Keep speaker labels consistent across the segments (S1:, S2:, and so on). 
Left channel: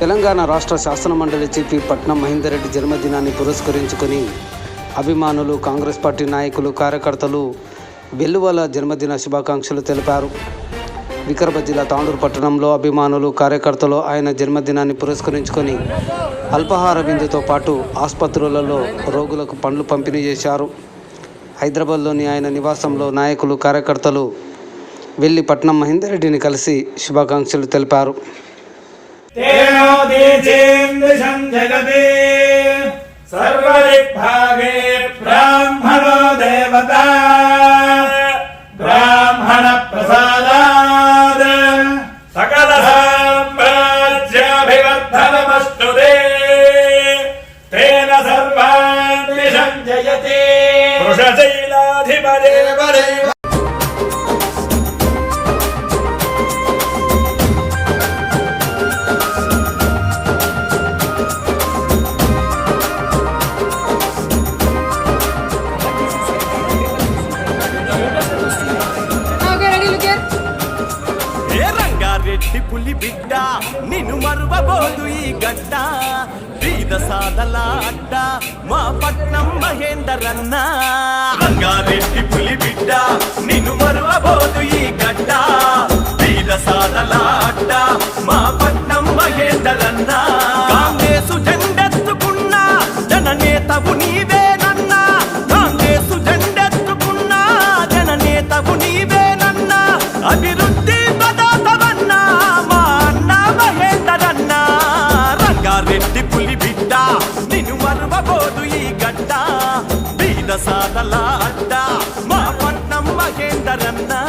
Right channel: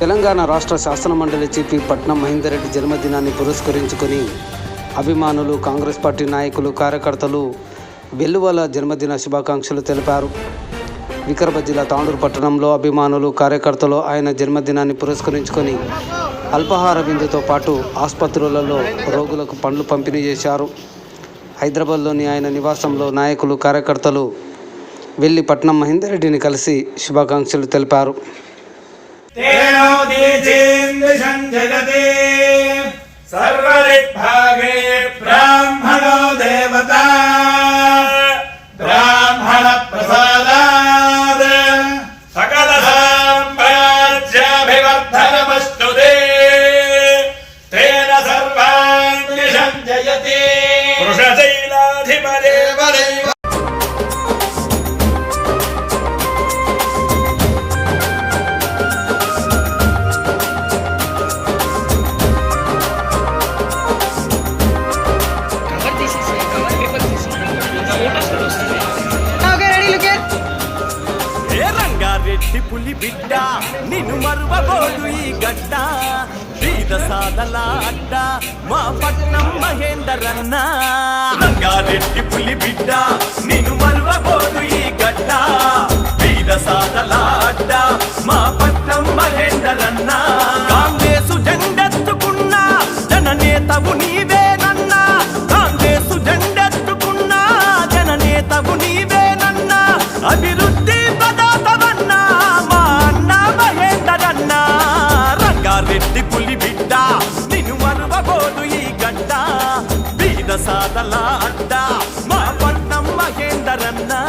S1: తెలంగాణ రాష్ట్ర శాసనమండలి చీఫ్ పట్నం మహేందర్ రెడ్డి జన్మదినాన్ని పురస్కరించుకొని అభిమానులు కాంగ్రెస్ పార్టీ నాయకులు కార్యకర్తలు వెల్లువల జన్మదిన శుభాకాంక్షలు తెలిపారు. వికారాబాద్ జిల్లా తాండూరు పట్టణంలో అభిమానులు కార్యకర్తలు ఆయన జన్మదినాన్ని పురస్కరించుకొని అల్పాహార విందుతో పాటు ఆసుపత్రులలో రోగులకు పండ్లు పంపిణీ చేశారు. హైదరాబాద్లోని ఆయన నివాసంలో నాయకులు కార్యకర్తలు వెళ్ళి పట్నం మహేందర్ రెడ్డిని కలిసి శుభాకాంక్షలు తెలిపారు.
S2: तेनोदीचेन्द्रिशं जगति सर्वदिग्भागे ब्राह्मणो देवता ब्राह्मणप्रसादात् सकलसाम्राज्याभिवर्धनमस्तु ते तेन सर्वान्विषं जयति वृषशैलाधिपदेवदैव
S3: ఏ గట్టి పులి బిడ్డ నిన్ను మరువబోదు ఈ గడ్డ. బీద సాదల అడ్డ మా పట్నం మహేందర్ అన్న రంగారెడ్డి పులి బిడ్డ నిన్ను మరువబోదు ఈ గడ్డ. బీద సాదల అడ్డ మా పట్నం మహేందర్ అన్న కాంగ్రెసు జెండెత్తుకున్న జననేతవు నీవేనన్నా. కాంగ్రెసు జెండెత్తుకున్న జననేతవు నీవేనన్నా. అభివృద్ధి పోదు ఈ గడ్డ బీద సాదల అడ్డ. మా పట్నం మహేందరన్నా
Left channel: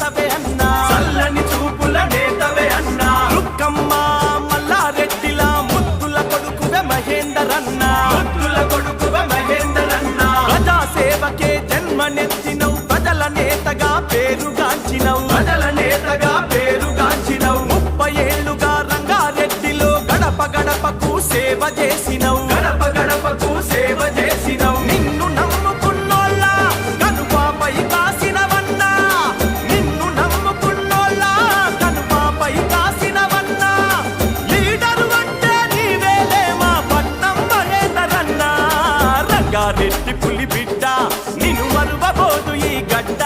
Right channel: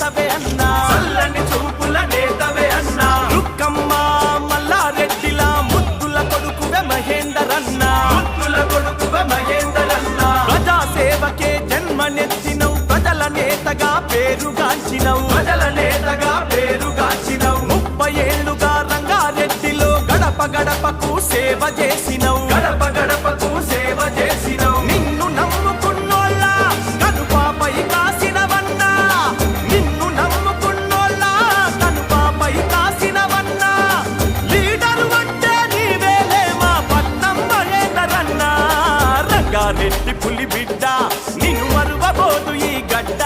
S3: నేతవే అన్నా. చల్లని చూపుల నేతవే అన్నా. రుక్కమ్మ మల్లారెడ్డిలా ముద్దుల కొడుకువే మహేందర్ అన్నా ముద్దుల కొడుకువే మహేందర్ అన్నా ప్రజా సేవకే జన్మనెత్తినవు ప్రజల నేతగా పేరుగాంచినవు. ప్రజల నేతగా పేరుగాంచినవు. ముప్పై ఏళ్ళుగా రంగారెడ్డిలో గడప గడపకు సేవ చేసినవు. గడప గడపకు సేవ చేసినవు. రంగారెడ్డి బిడ్డ నిన్ను మరువబోదు ఈ గడ్డ.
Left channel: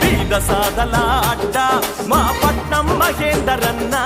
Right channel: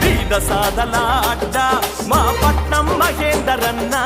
S3: బీద సాధల అడ్డ మా పట్నం మహేందరన్నా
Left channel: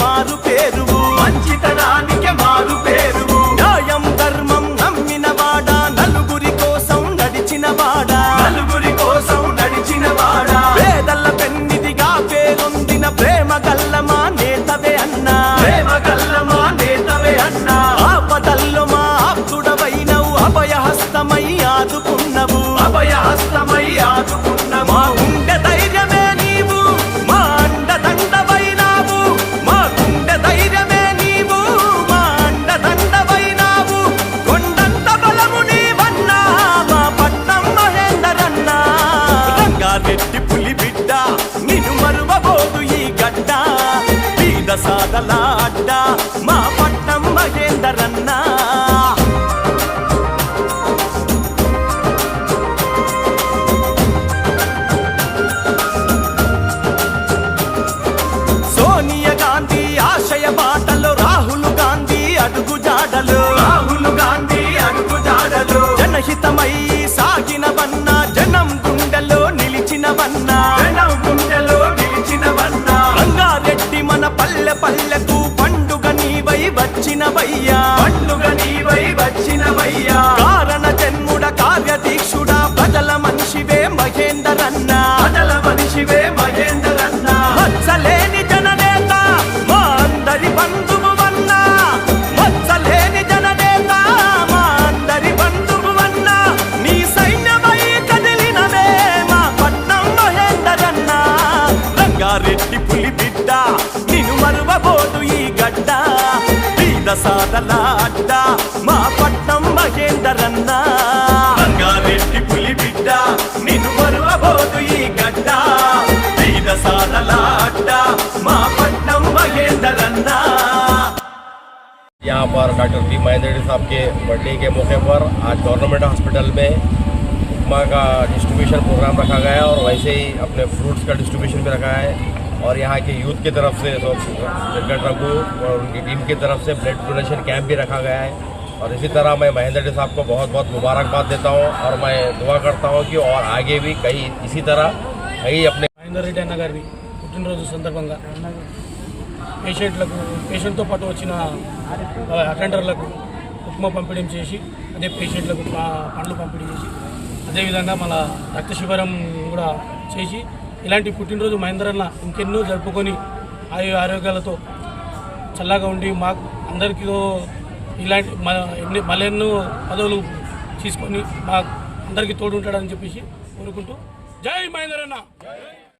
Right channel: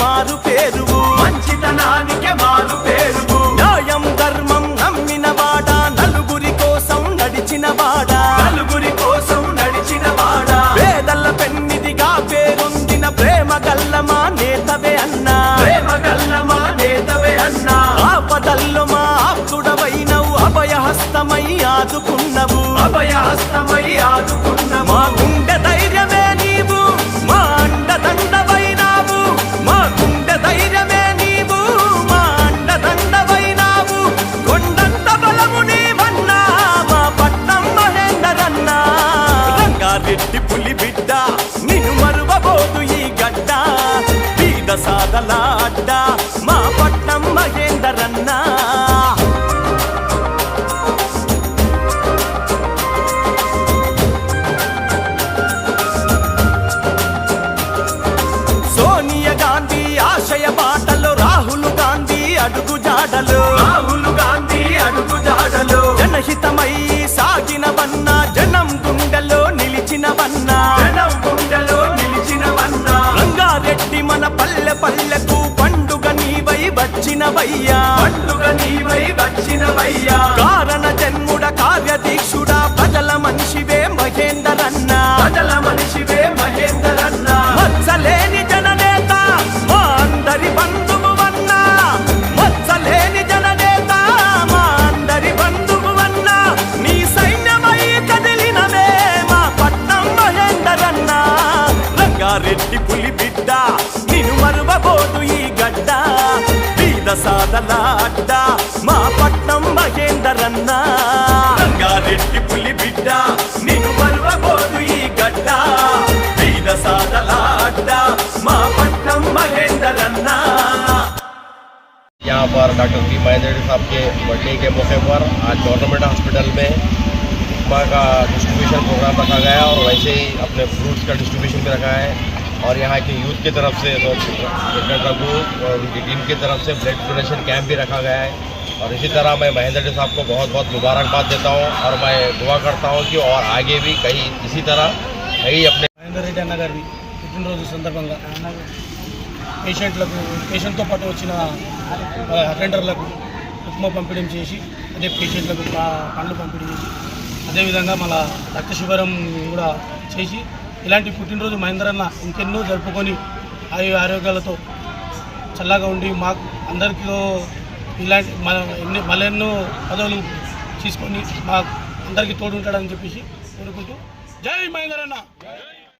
S3: మారు పేరువు. మంచితనానికి మారు పేరువు. న్యాయం ధర్మం నమ్మిన వాడా. నలుగురి కోసం నడిచిన వాడా. నలుగురి కోసం నడిచిన వాడా. పేదల పెన్నిదిగా పేరొందిన ప్రేమ గల్లమా నేతవే అన్నా. ప్రేమ గల్లమా నేతవే అన్నా. ఆపదల్లో మా ఆప్తుడవైనవు. అభయహస్తమై ఆదుకున్నవు. అభయహస్తమై ఆదుకున్నవు. బీద సాదల అడ్డ మా పట్నం మహేందరన్నా. సోనియా గాంధీ ఆశయ బాటలో రాహుల్ గాంధీ అడుగు జాడలు. రాహుల్ గాంధీ అడుగు జాడలు. జనహితమై సాగినవన్నా జనం గుండెలో నిలిచినవన్నా పల్లె పల్లెకు పండు పండుగ నీవై వచ్చినవయ్యా. పండుగ నీవై వచ్చినవయ్యా. కారణ జన్ముడ కార్యదీక్షుడ ప్రజల మనిషివే మహేందరన్న. ప్రజల మనిషివే మహేందరన్న. మచ్చలేని జననేత మా అందరి బంధువు ದಾಟಿ ಪುಲಿ ಬಿದ್ದ. ನೀನು ಮರುವಬಹುದು ಈ ಗಡ್ಡ. ಬೀದ ಸಾದಲ ಅಡ್ಡ. ಮಾ ಪಟ್ಟಂ ಮಹೇಂದರನ್ನ. ರಂಗಾರೆಡ್ಡಿ ಪುಲಿ ಬಿದ್ದ. ನೀನು ಮರುವಬಹುದು ಈ ಗಡ್ಡ. ಬೀದ ಸಾದಲ ಅಡ್ಡ. ಮಾ ಪಟ್ಟಂ ಮಹೇಂದರನ್ನ.
S4: यहाँ पर डॉक्टर बी मायादेवी साहब के बर्थडे के मौके पर आज गवर्नमेंट हॉस्पिटल में उपमा का डिस्ट्रीब्यूशन प्रोग्राम रखा गया है और वैसे ही अपने फ्रूट्स का डिस्ट्रीब्यूशन भी रखा है। और यहाँ की यूथ की तरफ से तो क्रिकेट रघु और उनकी टीम की तरफ से ब्लड डोनेशन कैंप भी रखा गया है और इसी तरह मैं महेंद्र रेड्डी साहब को बहुत बहुत मुबारकबाद देता हूँ और मैं दुआ करता हूँ कि और आगे भी कई इसी तरह कई अपने
S5: మహేందర్ రెడ్డి అన్న గారి పుట్టినరోజు సందర్భంగా పేషెంట్లకు పేషెంట్తో పాటు వచ్చిన ఆ, అటెండర్లకు ఉప్మా పంపిణీ చేసి అదే పేషెంట్లకు పా- పండ్లు పంపిణీ చేసి అదేవిధంగా మన రక్త శిబిరం కూడా చేసి ఇలాంటి పుట్టినరోజు మహేంద్రన్న ఇంకెన్నో జరుపుకొని ఆయు ఆరోగ్యాలతో చల్లగా ఉండి మా అందరికీ ఇలాంటి మన ఎన్ని మళ్ళెన్నో పదవులు తీసుకొని మా అందరికీ తోడు ఉంటాడని చెప్పేసి కోరుకుంటూ జై మహేంద్రన్న.